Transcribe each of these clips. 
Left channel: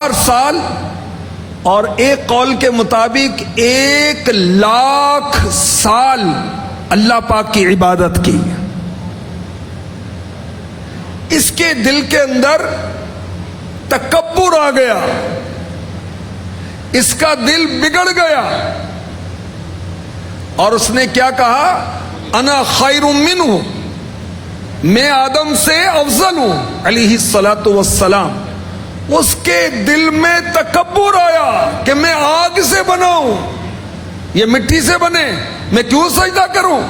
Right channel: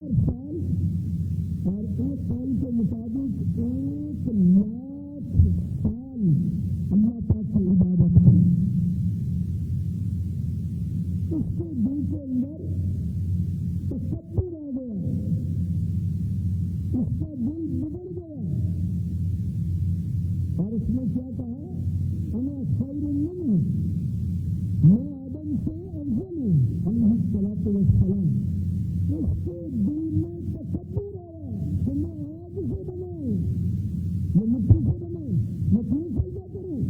سال اور ایک قول کے مطابق 1,00,000 سال اللہ پاک کی عبادت کی. اس کے دل کے اندر تکبر آ گیا، اس کا دل بگڑ گیا اور اس نے کیا کہا؟ انا خیر منہ، میں آدم سے افضل ہوں علیہ الصلاۃ والسلام. اس کے دل میں تکبر آیا کہ میں آگ سے بنا ہوں، یہ مٹی سے بنے، میں کیوں سجدہ کروں؟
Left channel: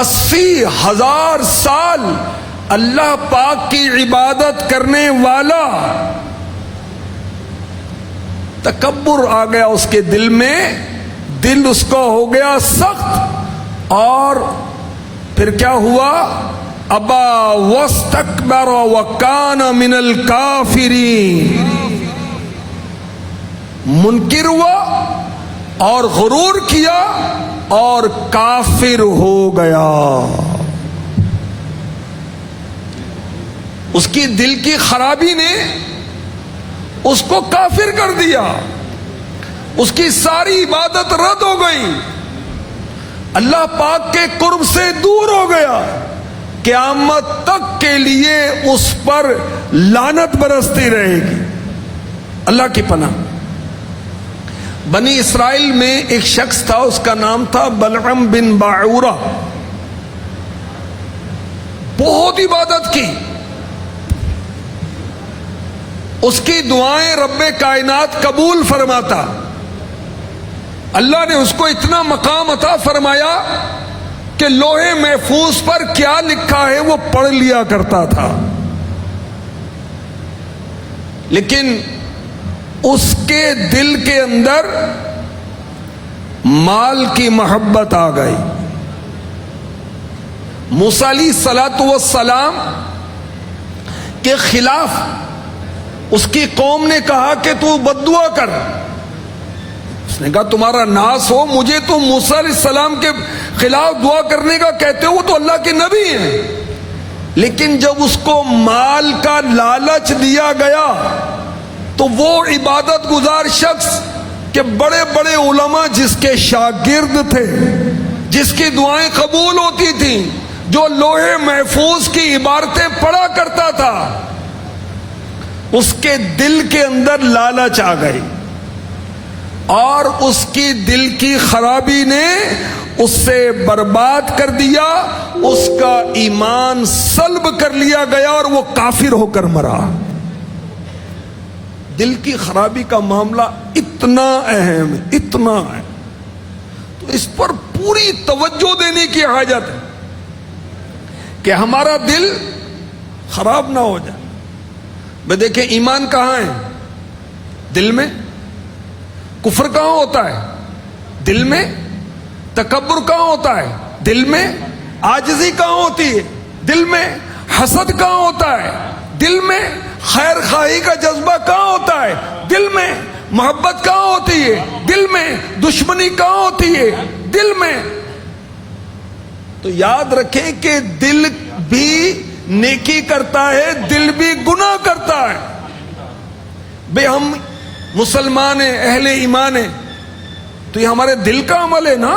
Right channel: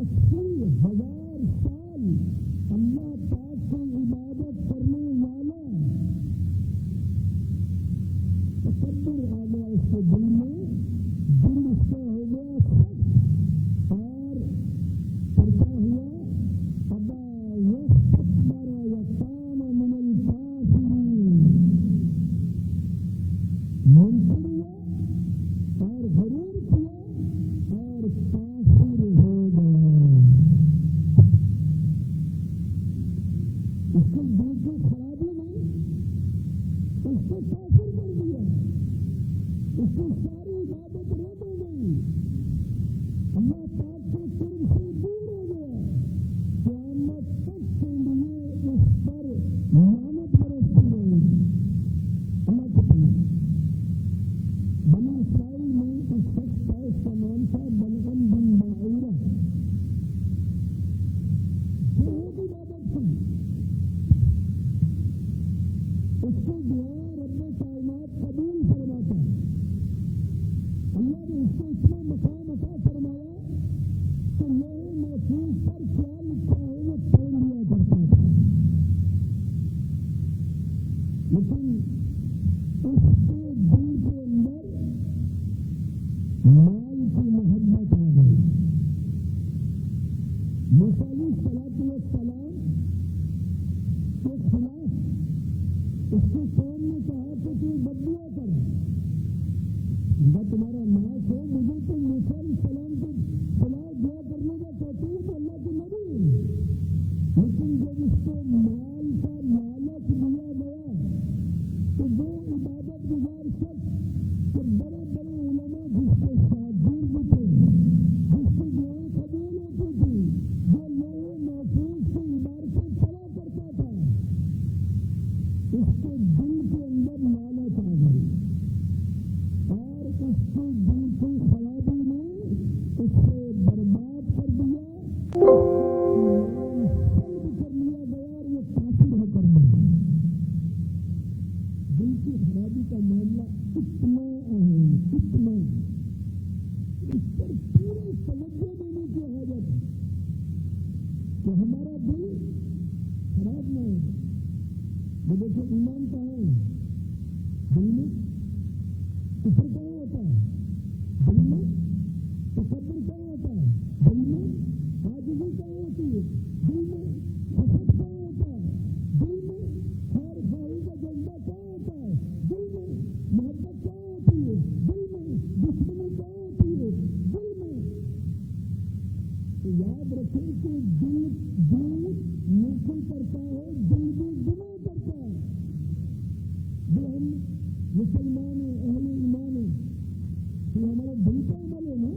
80,000 سال اللہ پاک کی عبادت کرنے والا، تکبر آ گیا اس کے دل میں، دل اس کو ہو گیا سخت، اور پھر کیا ہوا؟ ابا واستکبر وکان من الکافرین، منکر ہوا اور غرور کیا اور کافر ہو گیا. اس کی دل کی خرابی نے اس کو کافر کر دیا، اس کی ساری عبادت رد ہو گئی، اللہ پاک کے قرب سے دور ہو گیا. قیامت تک کے لیے اس پر لعنت برستی رہے گی. اللہ کی پناہ. بنی اسرائیل میں ایک شخص تھا، اس کا نام تھا بلعم بن باعورہ. بہت عبادت کی، اس کی دعائیں رب کائنات قبول فرماتا. اللہ نے اس کو اتنا مقام عطا فرمایا کہ لوہے محفوظ پر کیا لکھا ہے وہ پڑھ لیا کرتا تھا. لیکن اس کے دل کے اندر مال کی محبت آ گئی. موسیٰ علیہ الصلاۃ والسلام کے خلاف اس کی قوم نے کہا کہ تو بد دعا کر. اس نے کہا تمہارا ناس ہو، مجھے تو موسیٰ علیہ السلام کے خلاف دعا کرنے کا کہتے ہو، تو اللہ کے نبی ہیں. لیکن جب اس کو مال کا لالچ دیا گیا تو وہ عبادت گزار شخص کہ بڑے بڑے علماء جس کے شاگرد تھے، جس کی دعائیں قبول ہوتی تھیں، جو لوہے محفوظ کی عبارتیں پڑھا کرتا تھا، اس کے دل کے اندر لالچ آ گئی اور اس کی دل کی خرابی نے اس سے برباد کر دیا. اس کا ایمان سلب کر لیا گیا اور وہ کافر ہو کر مرا. دل کی خرابی کا معاملہ اتنا اہم ہے، اتنا ہے، تو اس پر پوری توجہ دینے کی حاجت ہے کہ ہمارا دل خراب نہ ہو جائے. بھئی دیکھیں ایمان کہاں ہے؟ دل میں. کفر کہاں ہوتا ہے؟ دل میں. تکبر کہاں ہوتا ہے؟ دل میں. عاجزی کہاں ہوتی ہے؟ دل میں. حسد کہاں ہوتا ہے؟ دل میں. خیر خواہی کا جذبہ کہاں ہوتا ہے؟ دل میں. محبت کہاں ہوتی ہے؟ دل میں. دشمنی کہاں ہوتی ہے؟ دل میں. تو یاد رکھیں کہ دل بھی نیکی کرتا ہے، دل بھی گناہ کرتا ہے. بے ہم مسلمان ہیں، اہل ایمان ہیں، تو یہ ہمارے دل کا عمل ہے نا.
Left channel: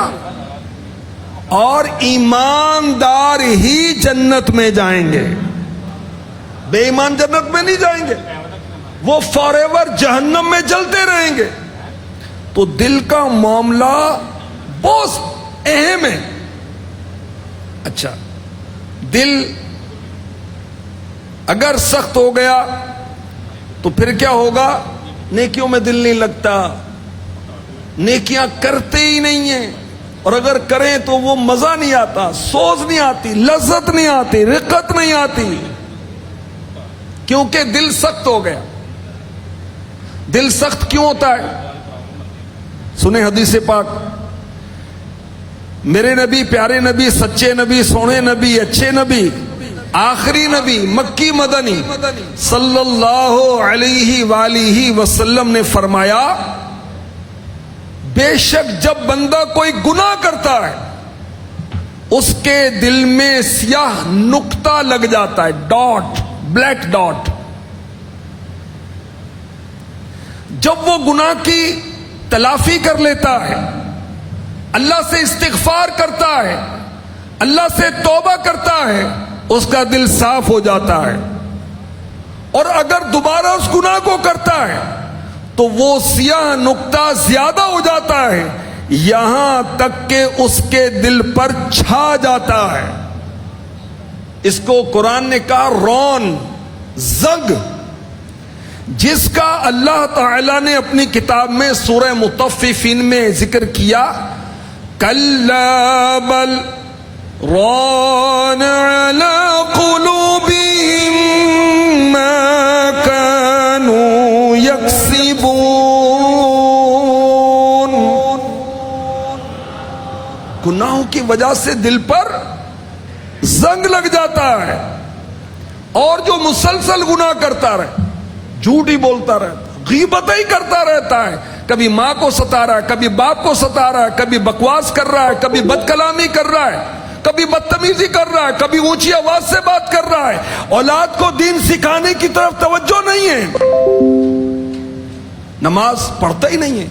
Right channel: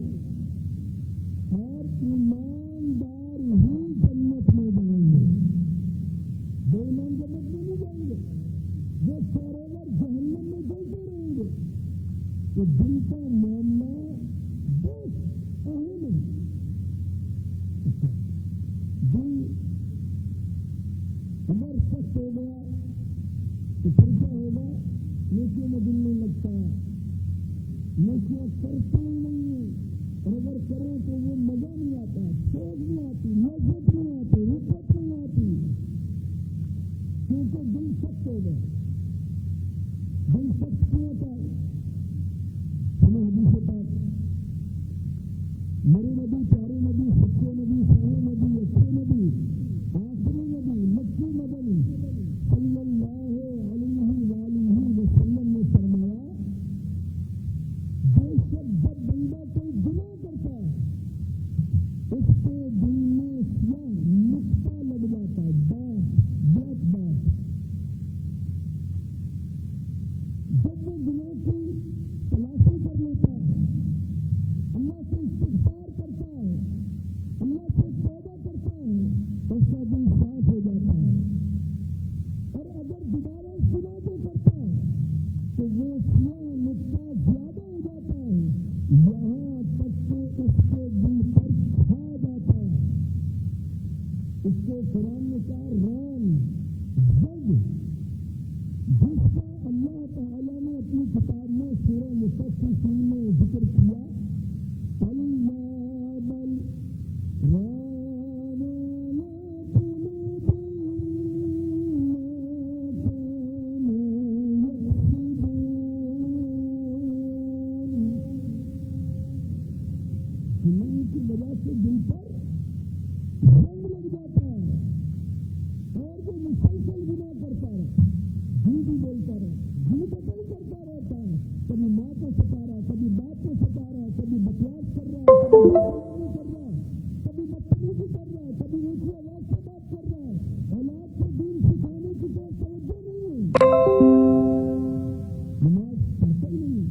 اور ایماندار ہی جنت میں جائیں گے، بے ایمان جنت میں نہیں جائیں گے، وہ فار ایور جہنم میں جلتے رہیں گے. تو دل کا معاملہ بہت اہم ہے. اچھا، دل اگر سخت ہو گیا تو پھر کیا ہوگا؟ نیکیوں میں دل نہیں لگتا، نیکیاں کرتے ہی نہیں ہیں، اور اگر کریں تو وہ مزہ نہیں آتا، سوز نہیں آتی، لذت نہیں آتی، رقت نہیں آتی، کیونکہ دل سخت ہو گیا. دل سخت کیوں ہوتا ہے؟ سنیں حدیث پاک. میرے نبی، پیارے نبی، سچے نبی، سونے نبی، اچھے نبی، آخری نبی، مکی مدنی صلی اللہ علیہ وآلہ وسلم نے فرمایا، بے شک جب بندہ کوئی گناہ کرتا ہے اس کے دل میں سیاہ نقطہ لگ جاتا ہے، ڈاٹ، بلیک ڈاٹ. جب وہ گناہ کی تلافی کر لیتا ہے، اللہ سے استغفار کرتا ہے، اللہ سے توبہ کرتا ہے، اس کا دل صاف ہو جاتا ہے. اور اگر دوبارہ اس گناہ کو کرتا ہے تو وہ سیاہ نقطہ زیادہ ہو جاتا ہے، یہاں تک کہ اس کے دل پر چھا جاتا ہے. اس کو قرآن نے کہا رون، زنگ، جس کا اللہ تعالی نے اپنی کتاب میں سورہ مطففین میں ذکر کیا. کلا بل ران علی قلوبہم ما کانوا یکسبون. گناہوں کی وجہ سے دل پر زنگ لگ جاتا ہے. اور جو مسلسل گناہ کرتا رہے، جھوٹ ہی بولتا رہتا، غیبت ہی کرتا رہتا ہے، کبھی ماں کو ستا رہا ہے، کبھی باپ کو ستا رہا ہے، کبھی بکواس کر رہا ہے، کبھی بد کلامی کر رہا ہے، کبھی بدتمیزی کر رہا ہے، کبھی اونچی آواز سے بات کر رہا ہے، اولاد کو دین سکھانے کی طرف توجہ نہیں ہے، نماز پڑھتا ہی نہیں ہے،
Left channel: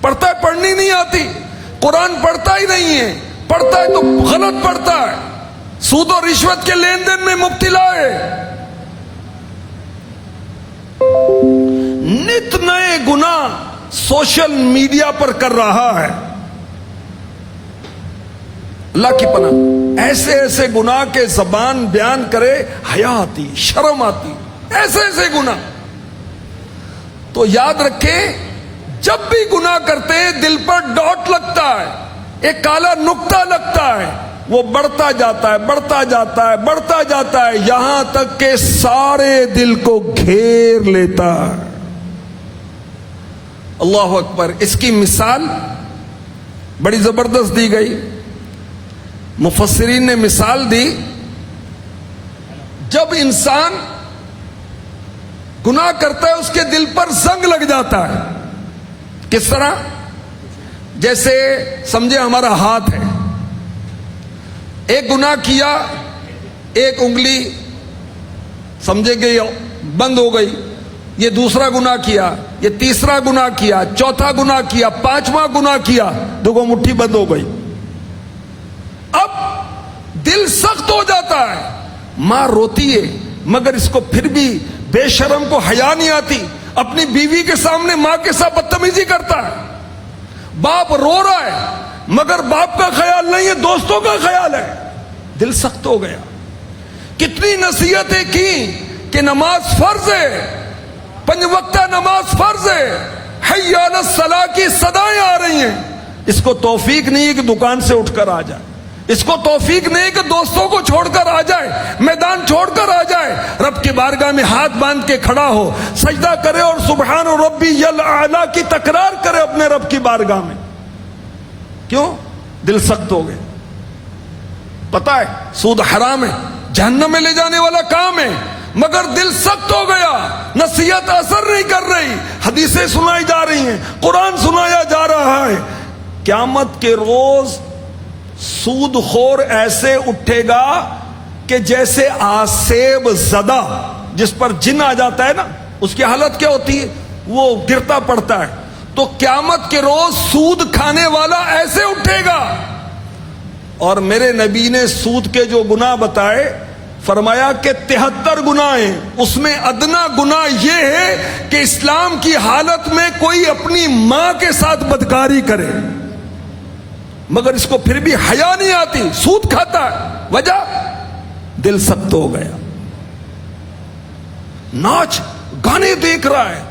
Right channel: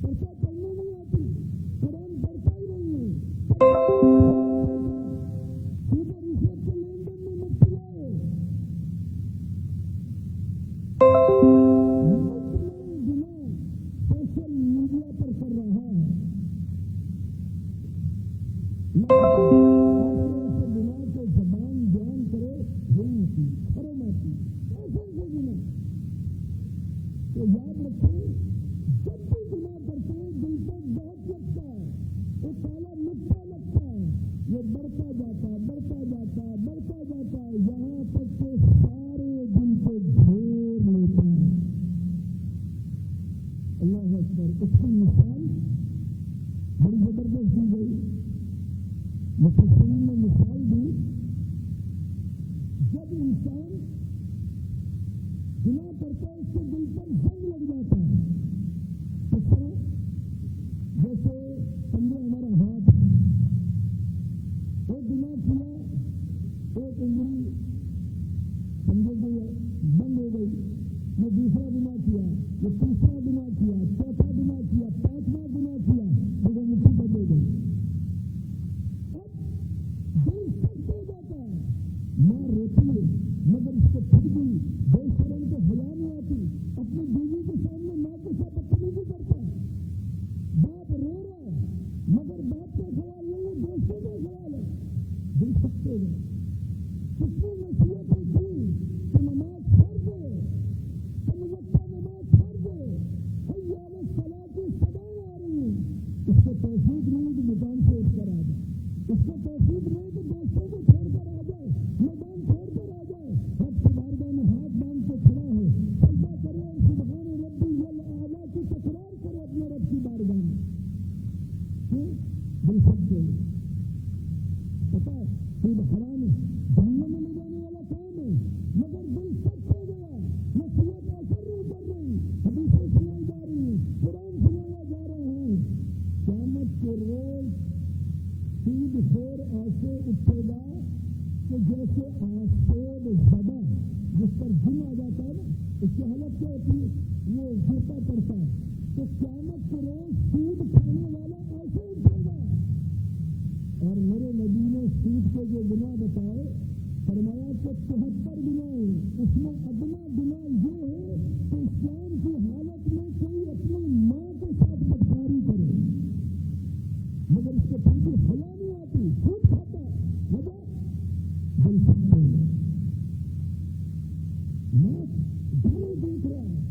پڑھتا ہے پڑھنی نہیں آتی، قرآن پڑھتا ہی نہیں ہے، پڑھتا ہے تو غلط پڑھتا ہے، سود و رشوت کے لین دین میں مبتلا ہے، نت نئے گناہ سوشل میڈیا پر کر رہا ہے. اللہ کی پناہ، ایسے ایسے گناہ کے زبان بیان کرے حیا آتی، شرم آتی، ایسے ایسے گناہ. تو یاد رکھیں، جب بھی گناہ کرتے ہیں دل پر ڈاٹ لگتا ہے، ایک کالا نقطہ لگتا ہے، وہ بڑھتا جاتا ہے، بڑھتا جاتا ہے، بڑھتا جاتا ہے، یہاں تک کہ سارے دل کو گھیر لیتا ہے. اللہ اکبر. اس کی مثال بڑی زبردست دی گئی. مفسرین نے مثال دی، جب انسان گناہ کرتا ہے اس کے دل پر زنگ لگ جاتا ہے. کس طرح؟ جیسے سمجھے ہمارا ہاتھ ہے، ایک گناہ کیا، ایک انگلی سمجھے کہ بند ہو گئی، یہ دوسرا گناہ کیا، یہ تیسرا گناہ کیا، چوتھا گناہ کیا، پانچواں گناہ کیا، دیکھو مٹھی بند ہو گئی. اب دل سخت ہو جاتا ہے. ماں روتی ہے مگر اس کو پھر بھی بے شرم کو حیا نہیں آتی، اپنی بیوی کے سامنے ماں کے ساتھ بدتمیزی کرتا ہے. باپ رو رہا ہے مگر باپ کا خیال نہیں ہے، دوستوں کا خیال ہے. دل سخت ہو گیا. کتنی نصیحتیں کی کہ نماز فرض ہے، 5 وقتہ نماز فرض ہے، حی علی الصلاۃ کی صدائیں آ رہی ہیں. اس کو توفیق نہیں ہے کہ دکان سے اٹھ کر آ جائے، اس کو توفیق نہیں کہ دوستوں کو چھوڑ کر آ جائے، میدان چھوڑ کر آ جائے، رب کی بارگاہ میں ہاتھ باندھ کے کھڑا ہو، سجدہ کرے اور سبحان ربی الاعلی کی تکرار کرے اپنے رب کی بارگاہ میں. کیوں؟ دل سخت ہو گئے. پتا ہے سود حرام ہے، جہنم میں لے جانے والا کام ہے، مگر دل سخت ہو گیا، نصیحت اثر نہیں کر رہی، حدیثیں سنائی جا رہی ہیں، قرآن سنایا جا رہا ہے. قیامت کے روز سود خور ایسے اٹھے گا کہ جیسے آسیب زدہ جس پر جن آ جاتا ہے نا، اس کی حالت کیا ہوتی ہے؟ وہ گرتا پڑتا ہے. تو قیامت کے روز سود کھانے والا ایسے اٹھے گا. اور میرے نبی نے سود کے جو گناہ بتائے، فرمایا کہ 73 گناہ ہیں، اس میں ادنا گناہ یہ ہے کہ اسلام کی حالت میں کوئی اپنی ماں کے ساتھ بدکاری کرے مگر اس کو پھر بھی حیا نہیں آتی، سود کھاتا ہے. وجہ؟ دل سخت ہو گیا. ناچ گانے دیکھ رہا ہے،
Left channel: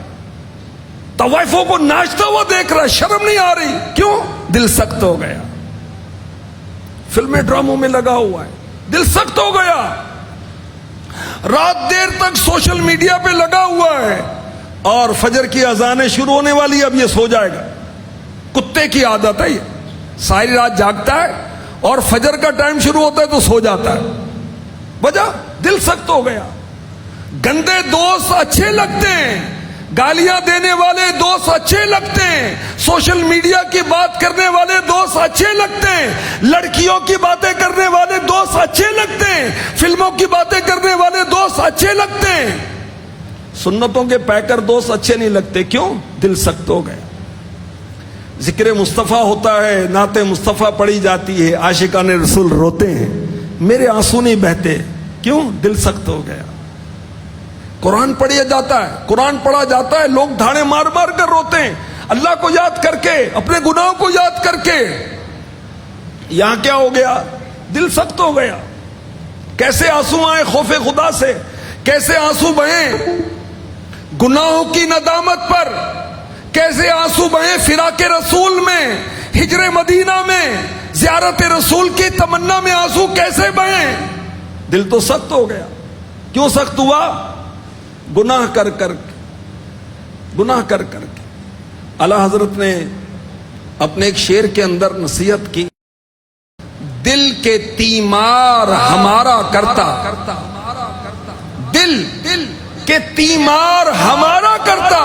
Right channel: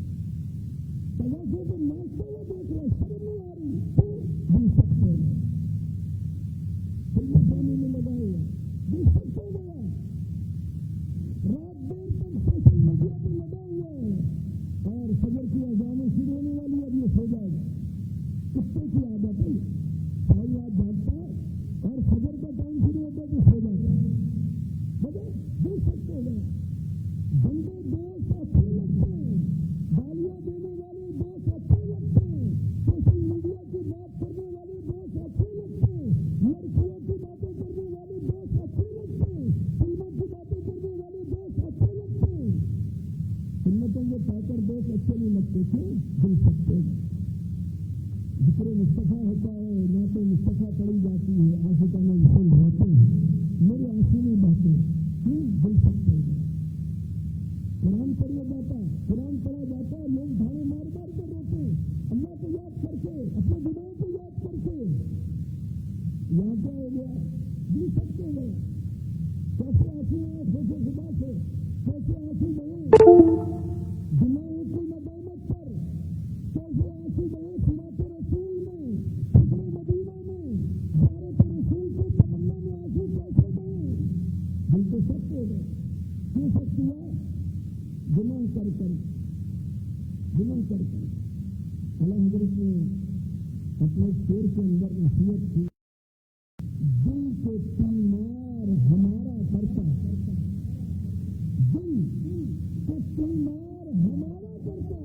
طوائفوں کو ناچتا ہوا دیکھ رہا ہے، شرم نہیں آ رہی. کیوں؟ دل سخت ہو گیا. فلمیں ڈراموں میں لگا ہوا ہے، دل سخت ہو گیا. رات دیر تک سوشل میڈیا پہ لگا ہوا ہے، اور فجر کی اذانیں شروع ہونے والی، اب یہ سو جائے گا. کتے کی عادت ہے، یہ ساری رات جاگتا ہے اور فجر کا ٹائم شروع ہوتا ہے تو سو جاتا ہے. وجہ؟ دل سخت ہو گیا. گندے دوست اچھے لگتے ہیں، گالیاں دینے والے دوست اچھے لگتے ہیں، سوشل میڈیا کی بات کرنے والے دوست اچھے لگتے ہیں، لڑکیوں کی باتیں کرنے والے دوست اچھے لگتے ہیں، فلموں کی باتیں کرنے والے دوست اچھے لگتے ہیں. سنتوں کے پیکر دوست اچھے نہیں لگتے. کیوں؟ دل سخت ہو گیا. ذکر مصطفیٰ ہوتا ہے, نعت مصطفیٰ پڑھی جاتی ہے, عاشقان رسول روتے ہیں, میرے آنسو نہیں بہتے. کیوں؟ دل سخت ہو گیا. قرآن پڑھیا جاتا ہے, قرآن پڑھا جاتا ہے, لوگ دھاڑے مار مار کر روتے ہیں, اللہ کو یاد کر کے, اپنے گناہوں کو یاد کر کے. یہاں کیا ہو گیا؟ دل سخت ہو گیا. کیسے آنسو آئے خوف خدا سے, کیسے آنسو بہیں گناہوں کی ندامت پر, کیسے آنسو بہیں فراق رسول میں, ہجر مدینہ میں, زیارت رسول کی تمنا میں آنسو کیسے بہیں؟ دل تو سخت ہو گیا. کیوں سخت ہوا؟ گناہ کر کر کے, گناہ کر کر کے. اعلیٰ حضرت نے اپنے ایک شعر کے اندر نصیحت کی, دل کے تیمار ہمارا کرتا, دل کے تیمار ہمارا کرتا,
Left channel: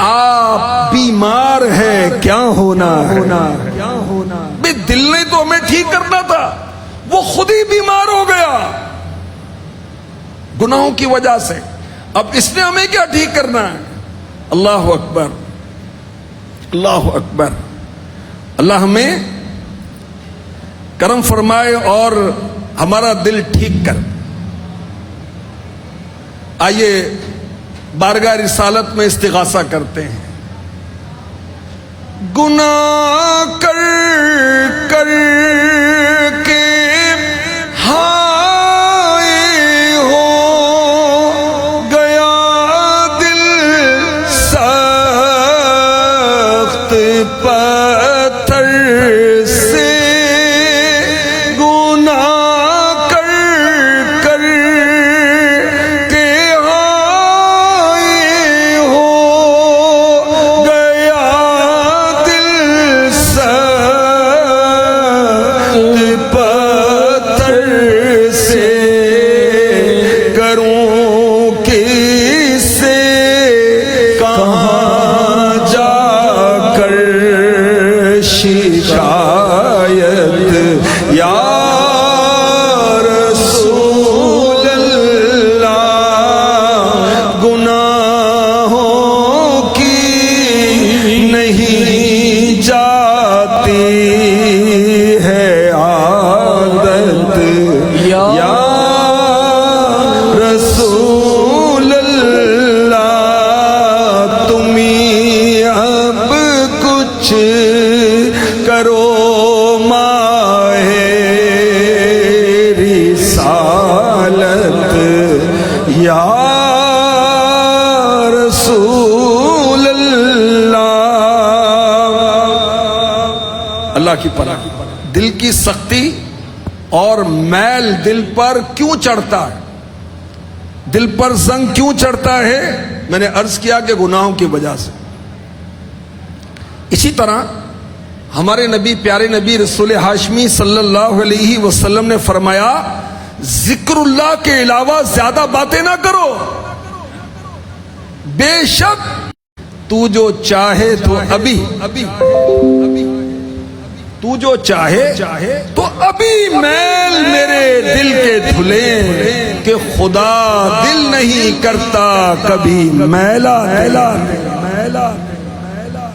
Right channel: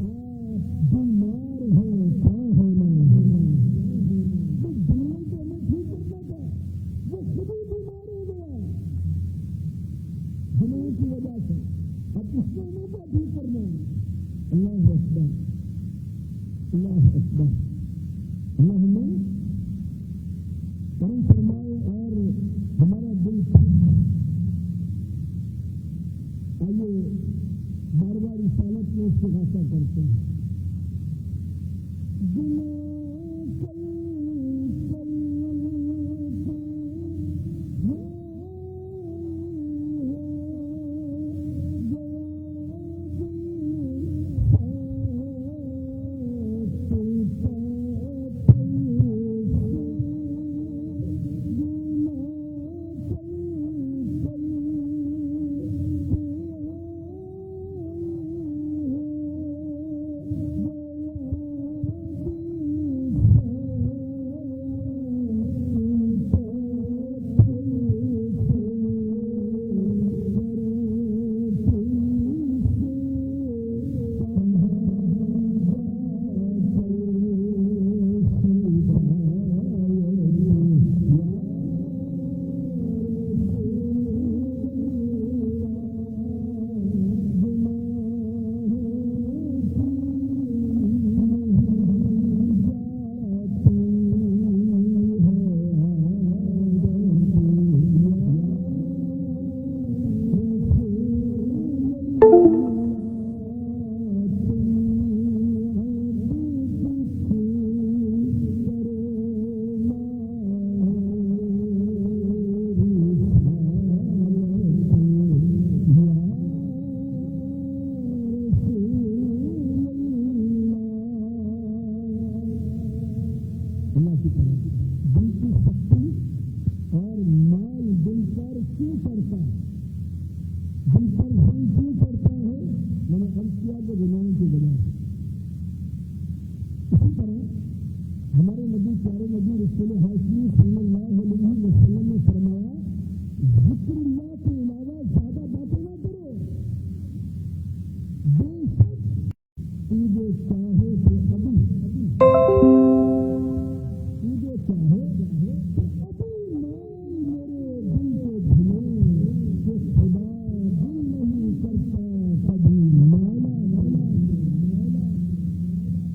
آپ بیمار ہے کیا ہونا ہے. بے دل نے تو ہمیں ٹھیک کرنا تھا, وہ خود ہی بیمار ہو گیا گناہوں کی وجہ سے. اب اس نے ہمیں کیا ٹھیک کرنا ہے؟ اللہ اکبر, اللہ اکبر. اللہ ہمیں کرم فرمائے اور ہمارا دل ٹھیک کر. آئیے بارگاہ رسالت میں استغاثہ کرتے ہیں. گناہ کر کر کے ہائے ہو گیا دل سخت پتھر سے. گناہ کر کر کے ہائے ہو گیا دل سخت پتھر سے. کروں کس سے کہاں جا کر شکایت, یا رسول اللہ. گناہوں کی نہیں جاتی ہے عادت, یا رسول اللہ. تم ہی اب کچھ کرو ماہ رسالت, یا رسول اللہ. اللہ کی پناہ. دل کی سختی اور میل دل پر کیوں چڑھتا ہے؟ دل پر زنگ کیوں چڑھتا ہے؟ میں نے عرض کیا کہ گناہوں کی وجہ سے. اسی طرح ہمارے نبی, پیارے نبی رسول ہاشمی صلی اللہ علیہ وسلم نے فرمایا, ذکر اللہ کے علاوہ زیادہ باتیں نہ کرو, بے شک تو جو چاہے تو ابھی تو جو چاہے تو ابھی میل میرے دل کے دھلے, کہ خدا دل نہیں کرتا کبھی میلا.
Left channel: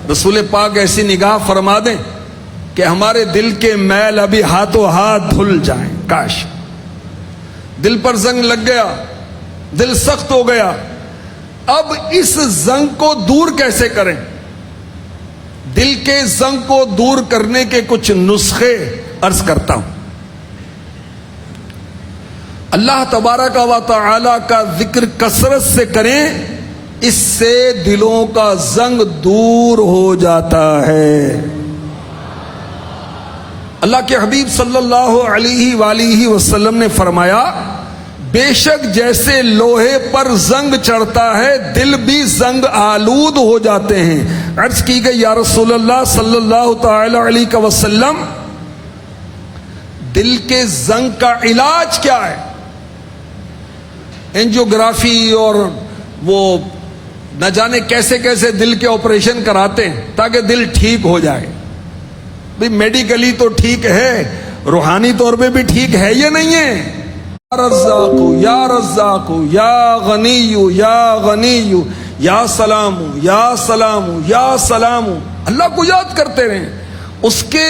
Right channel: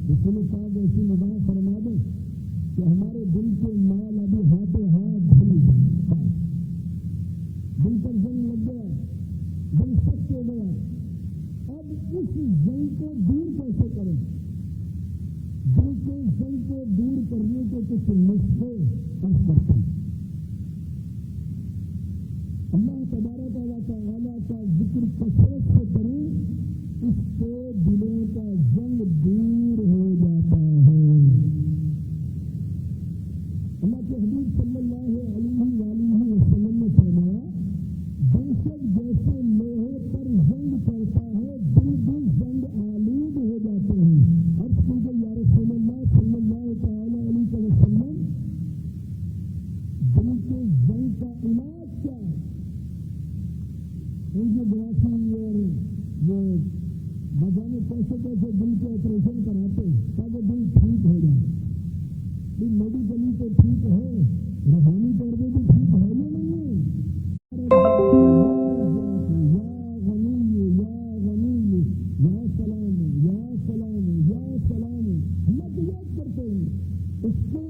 رسول پاک ایسی نگاہ فرما دیں کہ ہمارے دل کے میل ابھی ہاتھوں ہاتھ دھل جائیں. کاش. دل پر زنگ لگ گیا, دل سخت ہو گیا. اب اس زنگ کو دور کیسے کریں؟ دل کے زنگ کو دور کرنے کے کچھ نسخے عرض کرتا ہوں. اللہ تبارک و تعالی کا ذکر کثرت سے کریں, اس سے دلوں کا زنگ دور ہو جاتا ہے. اللہ کے حبیب صلی اللہ علیہ وآلہ وسلم نے فرمایا, بے شک جیسے لوہے پر زنگ چڑھتا ہے دل بھی زنگ آلود ہو جاتے ہیں. عرض کی گئی, یا رسول اللہ صلی اللہ تعالی علیہ وسلم, دل کے زنگ کا علاج کیا ہے؟ اینجیوگرافی اور وہ نہ جانے کیسے کیسے دل کے آپریشن کراتے ہیں تاکہ دل ٹھیک ہو جائے. بھئی میڈیکلی تو ٹھیک ہے, روحانی طور پہ بھی ٹھیک ہے یا نہیں ہے؟ رزاقو یا رزاقو یا غنیو یا غنیو یا سلامو یا سلامو یا سلامو. اللہ کو یاد کرتے رہیں, اس کے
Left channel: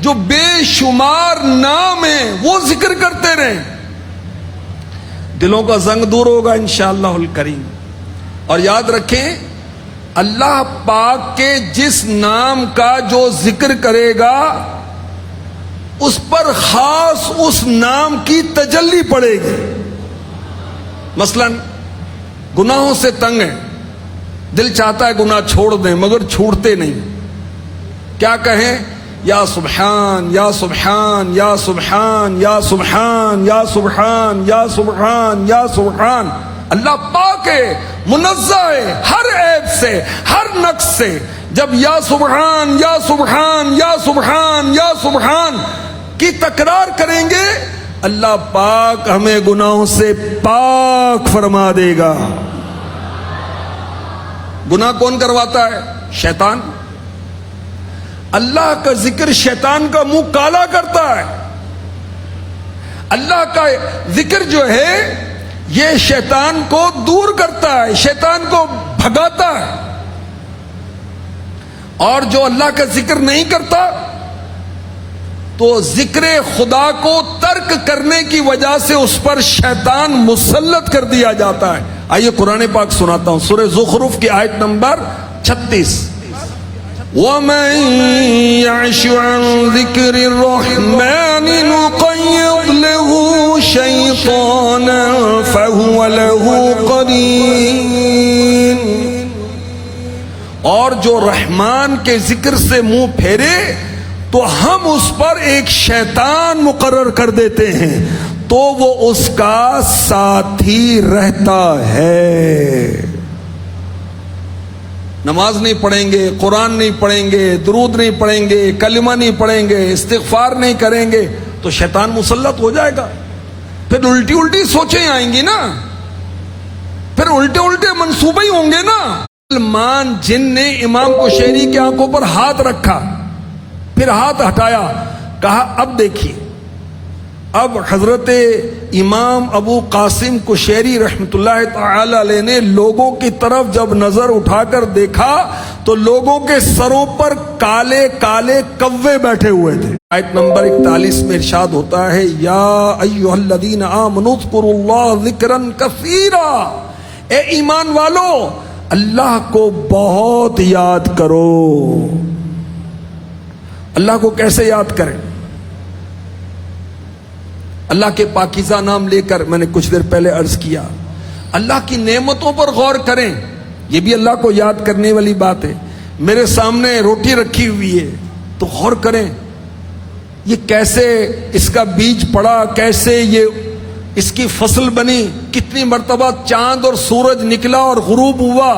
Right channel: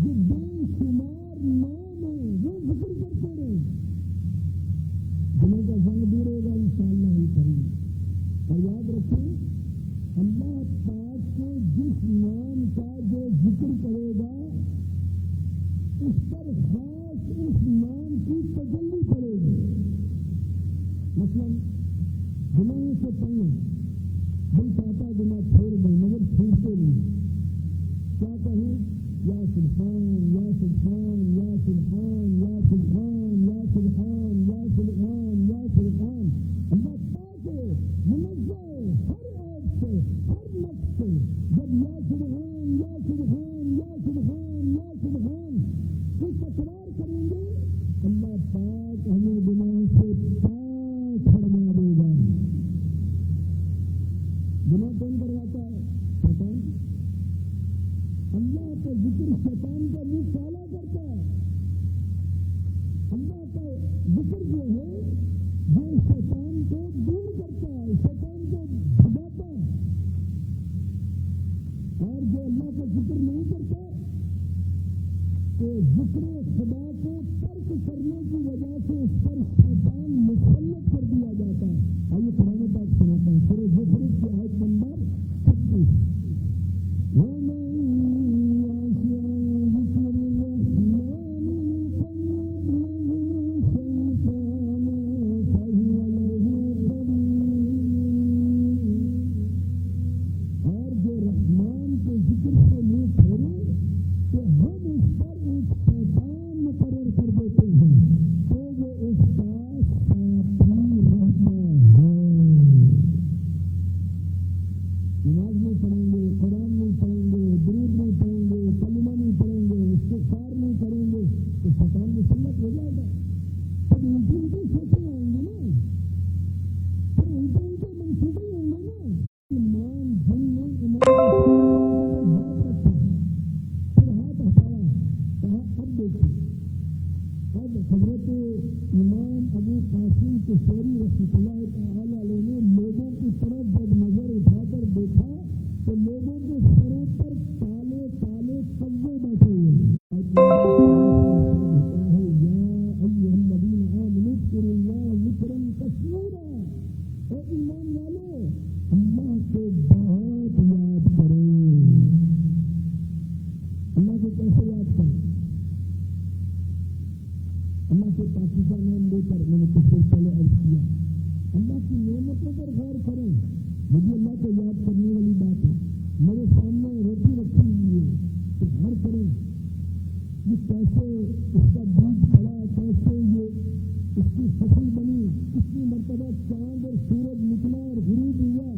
جو بے شمار نام ہیں وہ ذکر کرتے رہیں. دلوں کا زنگ دور ہوگا انشاءاللہ الکریم. اور یاد رکھیں, اللہ پاک کے جس نام کا جو ذکر کرے گا اس پر خاص اس نام کی تجلی پڑے گی. مثلا گناہوں سے تنگ ہے, دل چاہتا ہے گناہ چھوڑ دیں مگر چھوڑتے نہیں. کیا کہیں؟ یا سبحان یا سبحان یا سبحان یا سبحان یا سبحان یا سبحان یا سبحان. اللہ پاک ہے, منزہ ہے ہر عیب سے, ہر نقص سے. جب یا سبحان یا سبحان یا سبحان یا سبحان کی تکرار کریں گے اللہ پاک ہمیں گناہوں سے پاک فرما دے گا. گناہ کون کرواتا ہے؟ شیطان. اللہ کا ذکر شیطان کا منہ کالا کرتا ہے. اللہ کا ذکر جو ہے یہ شیطان کو دور کرتا ہے, شیطان کو بھگاتا ہے. اور جو اللہ کا ذکر نہیں کرتا تو ذکر خدا کو ترک کرنے کی وجہ سے اس پر شیطان مسلط کر دیا جاتا ہے. آئیے قرآن پاک سناتا ہوں, سورہ زخرف کی آیت نمبر 36. وَمَن يَعْشُ عَن ذِكْرِ الرَّحْمَنِ نُقَيِّضْ لَهُ شَيْطَانًا فَهُوَ لَهُ قَرِينٌ. اور جو رحمان کے ذکر سے منہ پھیرے تو ہم اس پر ایک شیطان مقرر کر دیتے ہیں تو وہ اس کا ساتھی رہتا ہے. نماز نہیں پڑھیں گے, قرآن نہیں پڑھیں گے, درود نہیں پڑھیں گے, کلمہ نہیں پڑھیں گے, استغفار نہیں کریں گے تو شیطان مسلط ہو جائے گا. پھر الٹی الٹی سوچیں آئیں گی نا, پھر الٹے الٹے منصوبے ہی ہوں گے نا. سلمان جن نے امام کشیری کی آنکھوں پر ہاتھ رکھا, پھر ہاتھ ہٹایا, کہا اب دیکھیے. اب حضرت امام ابو قاسم کشیری رحمت اللہ تعالی علیہ نے لوگوں کی طرف جب نظر اٹھا کر دیکھا تو لوگوں کے سروں پر کالے کالے کوے بیٹھے ہوئے تھے. آیت نمبر 41 میں ارشاد ہوتا ہے, یا ایھا الذین آمنوا اذکروا اللہ ذکرا کثیرا. اے ایمان والو اللہ کو بہت یاد کرو. اللہ کو کیسے یاد کریں؟ اللہ کے پاکیزہ نام لے کر, میں نے کچھ دیر پہلے عرض کیا, اللہ کی نعمتوں پر غور کریں. یہ بھی اللہ کو یاد کرنے والی بات ہے. میرے سامنے روٹی رکھی ہوئی ہے تو غور کریں یہ کیسے اس کا بیج پڑا, کیسے یہ اس کی فصل بنی, کتنی مرتبہ چاند اور سورج نکلا اور غروب ہوا,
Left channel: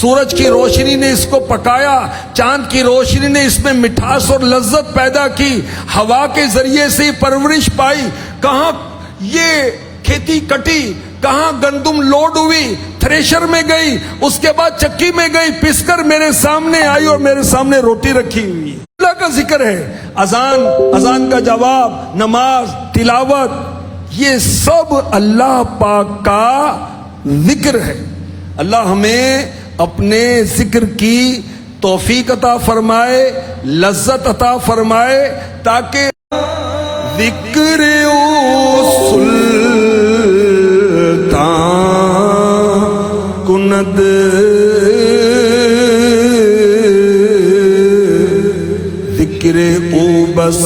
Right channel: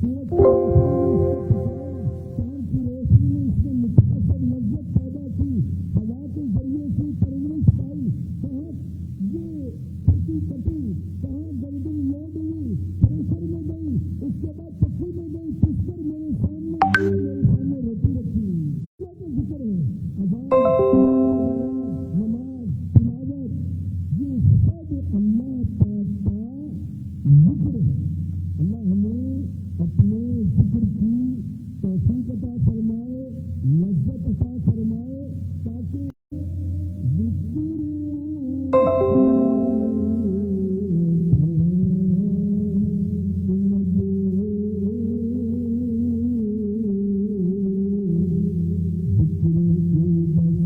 سورج کی روشنی نے اس کو پکایا, چاند کی روشنی نے اس میں مٹھاس اور لذت پیدا کی, ہوا کے ذریعے سے پرورش پائی. کہاں یہ کھیتی کٹی, کہاں گندم لوڈ ہوئی, تھریشر میں گئی, اس کے بعد چکی میں گئی, پس کر میرے سامنے آئی اور میرے سامنے روٹی رکھی ہوئی. اللہ کا ذکر ہے. اذان کا جواب, نماز, تلاوت, یہ سب اللہ پاک کا ذکر ہے. اللہ ہمیں اپنے ذکر کی توفیق عطا فرمائے, لذت عطا فرمائے, تاکہ ذکر سلطان کند ذکر او بس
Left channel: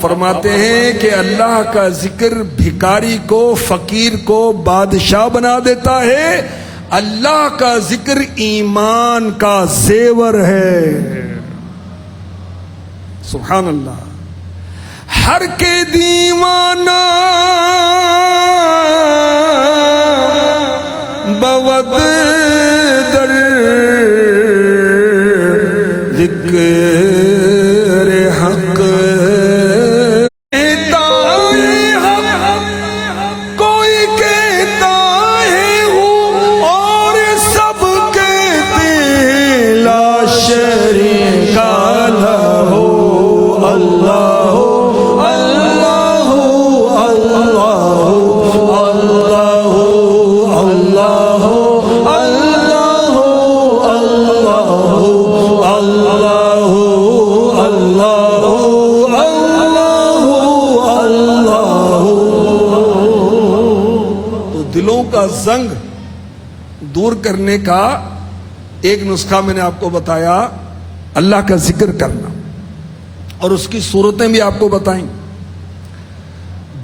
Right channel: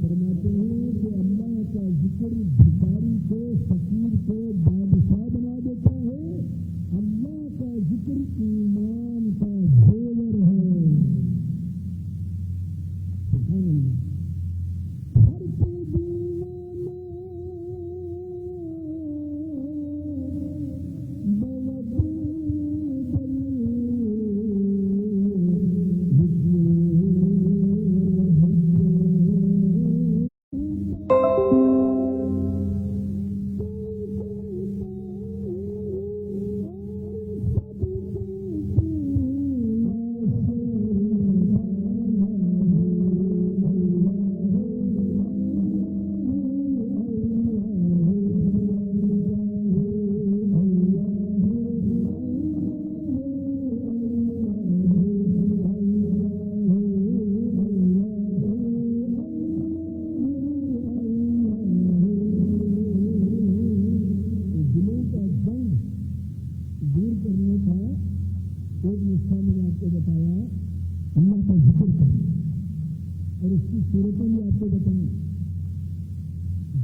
فرماتے ہیں کہ اللہ کا ذکر بھکاری کو, فقیر کو بادشاہ بنا دیتا ہے. اللہ کا ذکر ایمان کا زیور ہے. سبحان اللہ. ہر کے دیوانہ بود در ذکر حق کرنے کا ایک نسخہ میں نے آپ کو بتایا، اللہ کا ذکر کرنا، اور اس کی صورتیں بھی آپ کو بتائیں۔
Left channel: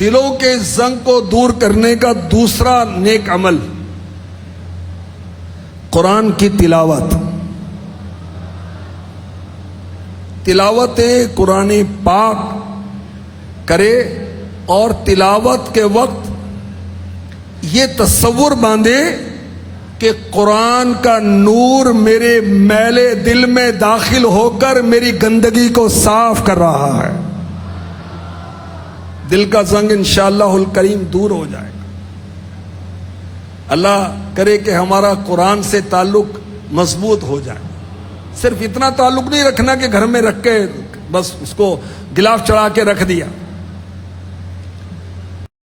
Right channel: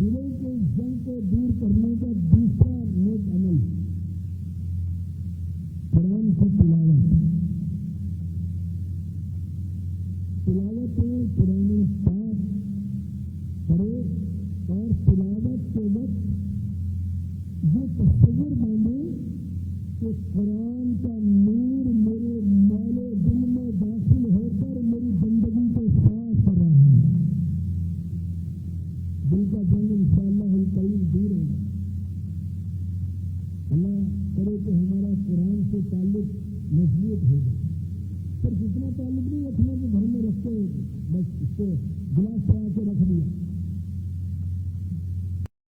دلوں کے زنگ کو دور کرنے کا دوسرا نیک عمل قرآن کی تلاوت، تلاوت قرآن پاک کرے، اور تلاوت کے وقت یہ تصور باندھے کہ قرآن کا نور میرے میلے دل میں داخل ہو کر میری گندگی کو صاف کر رہا ہے، دل کا زنگ انشاءاللہ الکریم دور ہو جائے گا۔ اللہ کرے کہ ہمارا قرآن سے تعلق مضبوط ہو جائے۔ صرف اتنا تعلق نہیں رکھنا کہ گھر میں رکھ کے بس اس کو گلاف چڑھا کے رکھ دیا،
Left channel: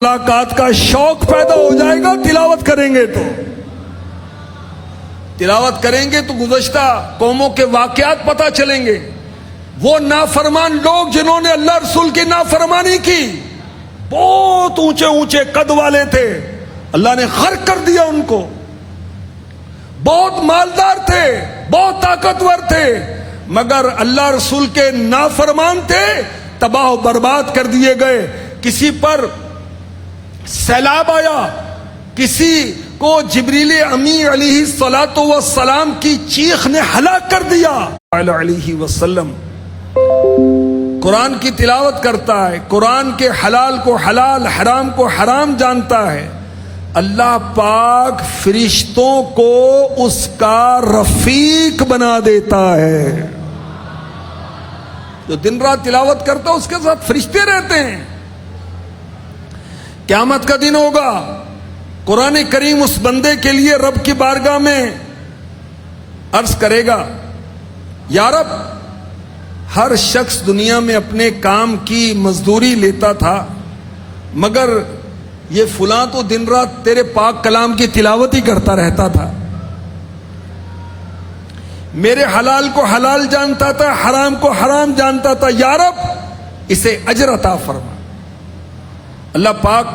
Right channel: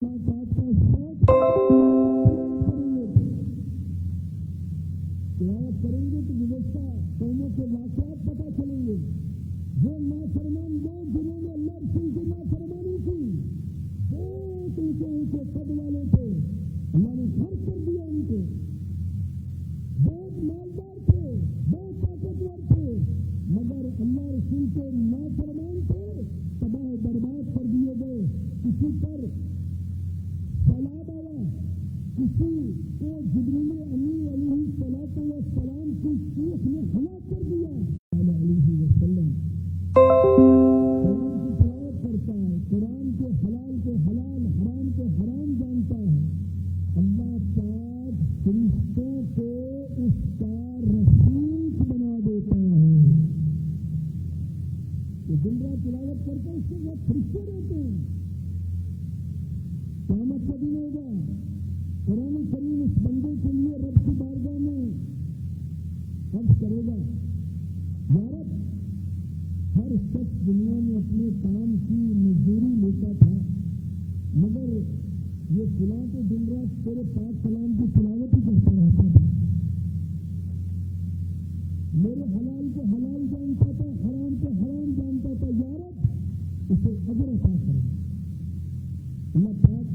ملاقات کا شوق پیدا ہو جائے گا۔ تلاوت کریں گے تو گزشتہ قوموں کے واقعات پتہ چلیں گے، وہ نافرمان لوگ جنہوں نے اللہ رسول کی نافرمانی کی، بہت اونچے اونچے قد والے تھے، اللہ نے غرق کر دیا ان کو، بہت مالدار تھے، بہت طاقتور تھے، مگر اللہ رسول کے نافرمان تھے، تباہ و برباد کر دیے گئے۔ کسی پر سیلاب آیا، کسی کو جبریل امی علیہ الصلاۃ والسلام کی چیخ نے ہلاک کر دیا علیہ وسلم۔ قرآن کی تلاوت کرتا ہے، قرآن کے حلال کو حلال، حرام کو حرام جانتا ہے، اللہ پاک فرشتوں کو اس کا رفیق بنا دیتا ہے۔ جو دن رات تلاوت کرتا ہے اس کے ساتھ فرشتے رہتے ہیں۔ قیامت کا دن ہوگا، قرآن کریم اس بندے کے لیے رب کی بارگاہ میں عرض کرے گا، یا رب، ہر شخص دنیا میں اپنے کام کی مزدوری لیتا تھا، مگر یہ فلاں تو دن رات تیرے پاک کلام کی تلاوت ہی کرتا رہتا تھا، میرے حلال کو حلال جانتا تھا، حرام کو حرام جانتا تھا، یا رب اسے اجر عطا فرما۔ اللہ پاک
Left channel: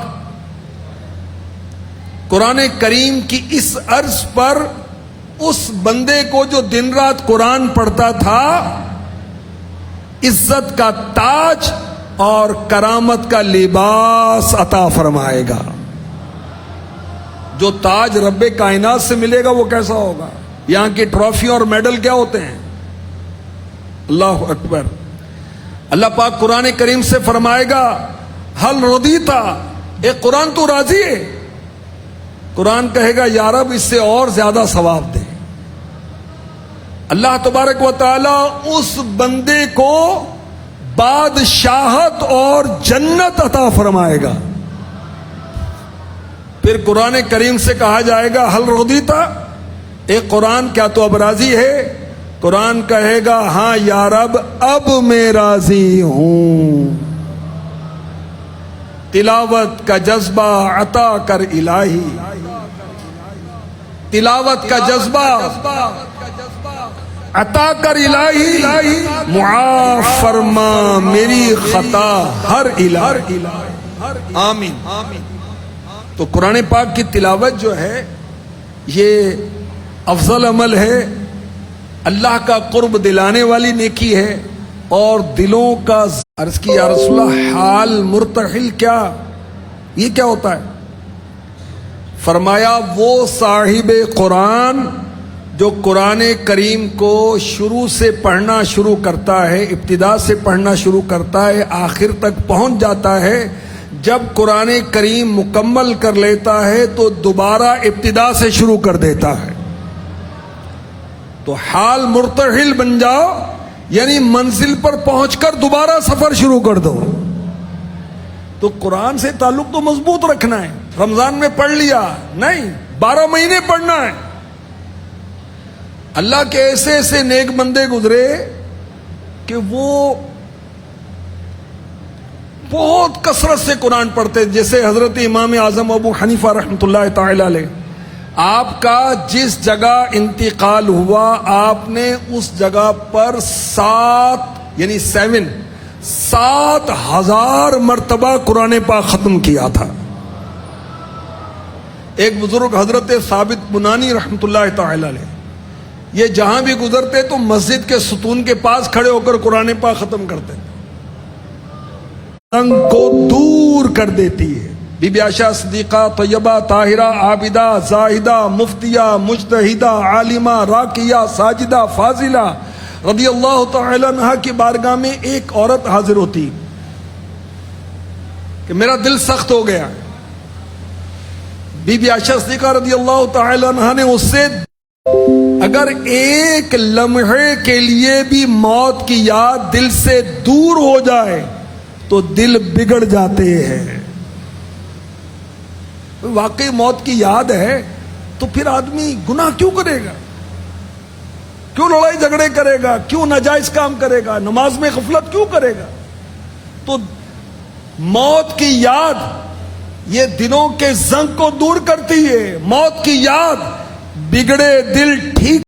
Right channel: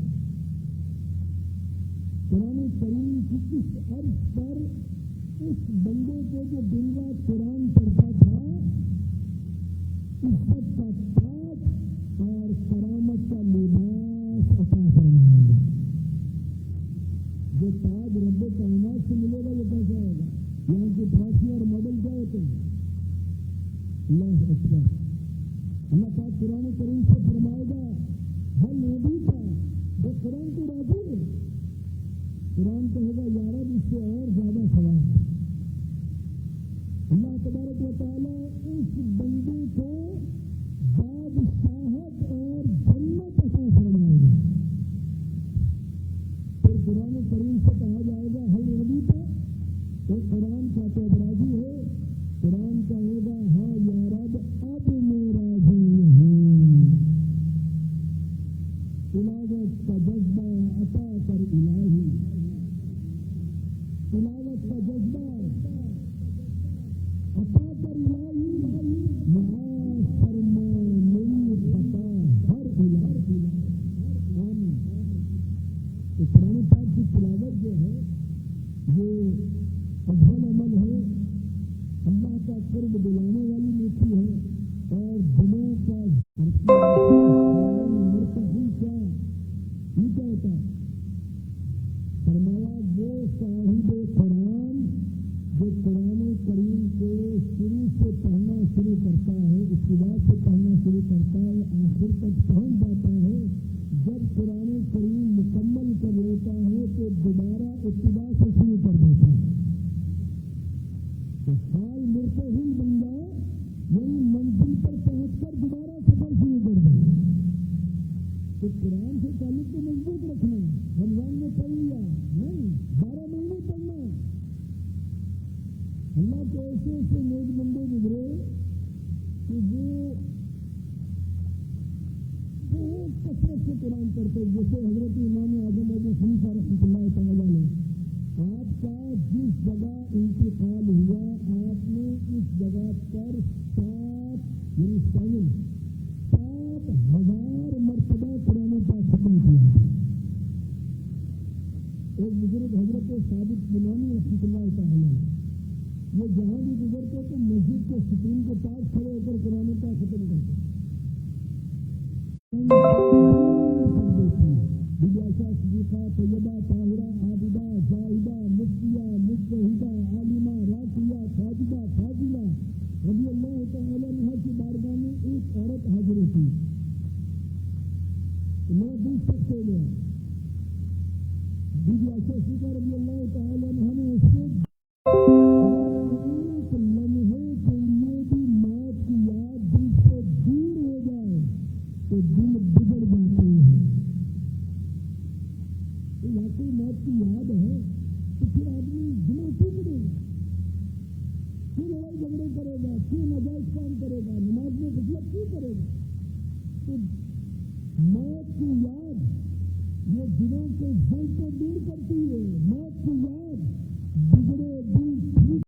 قرآن کریم کی اس عرض پر اس بندے کو جو دن رات قرآن پڑھتا تھا عزت کا تاج اور کرامت کا لباس عطا فرمائے گا۔ جو تاج رب کائنات سے ملے گا وہ کیسا ہوگا؟ یہاں کی ٹرافی اور میڈل کیا ہوتے ہیں؟ اللہ اکبر۔ اللہ پاک قرآن کریم سے فرمائے گا، حل رضیتا، اے قرآن تو راضی ہے؟ قرآن کہے گا، یا رب اس سے اور زیادہ ثواب دے۔ اللہ تبارک و تعالی اس بندے کو بادشاہت اور جنت عطا فرمائے گا۔ پھر قرآن کریم سے کہا جائے گا، حل رضیتا، اے قرآن کیا تو اب راضی ہے؟ قرآن کہے گا، ہاں یا رب اب میں راضی ہوں۔ تلاوت کا جذبہ عطا کر الہی، تلاوت کا جذبہ عطا کر الہی، معاف فرما میری خطا ہر الہی، آمین۔ تو قرآن پاک کی تلاوت جو ہے یہ افضل عمل ہے، اللہ کا قرب دلانے والی نیکی ہے، اور دلوں کا عرض کی، یا رسول اللہ حال مرتحل کیا؟ یہ کیا ہوتا ہے؟ فرمایا، وہ صاحب قرآن جو قرآن کریم کو شروع سے پڑھنا شروع کرتا ہے، ابتدا سے پڑھنا شروع کرتا ہے، آخر تک پہنچ جاتا ہے، جب قرآن کریم مکمل کر لیتا ہے تو دوبارہ ابتدا سے شروع کر دیتا ہے۔ تو حال مرتحل بن جاؤ، یعنی منزل پر پہنچ کر دوبارہ سفر شروع کر دو۔ تو قرآن سے تعلق تو مضبوط رکھنا ہے۔ رمضان میں پڑھ لیا نہیں، 12 مہینے پڑھنا ہے۔ اللہ کے ایسے ایسے نیک بندے گزرے کہ وہ بہت کثرت سے قرآن پڑھتے، جیسے حضرت امام اعظم ابو حنیفہ رحمۃ اللہ تعالی علیہ، آپ کا جس جگہ انتقال ہوا آپ نے اس جگہ پر 7,000 مرتبہ قرآن پاک ختم کیا تھا۔ ایک بزرگ حضرت ثابت بنانی رحمۃ اللہ تعالی علیہ، یہ جہاں بھی گزرتے تو مسجد کے ستون کے پاس کھڑے ہو کر قرآن پاک ختم کرتے تھے، رنگ کو دور کر دیتی ہے۔ بی بی عائشہ صدیقہ طیبہ طاہرہ عابدہ زاہدہ مفتیہ مجتہدہ عالمہ راکیہ ساجدہ فاضلہ رضی اللہ تعالی عنہا کی بارگاہ میں ایک عورت حاضر ہوتی کہ میرا دل سخت ہو گیا۔ بی بی عائشہ صدیقہ رضی اللہ تعالی عنہا نے اس سے اگر ایک لمحے کے لیے بھی موت کی یاد دل سے دور ہو جائے تو دل بگڑ جاتے ہیں۔ واقعی موت کی یاد ہے تو پھر آدمی گناہ کیوں کرے گا، کیوں لڑائی جھگڑے کرے گا، کیوں ناجائز کام کرے گا، نماز میں غفلت کیوں کرے گا؟ تو موت کی یاد یہ دلوں کے زنگ کو دور کرتی ہے، موت کی یاد بگڑے دل ٹھیک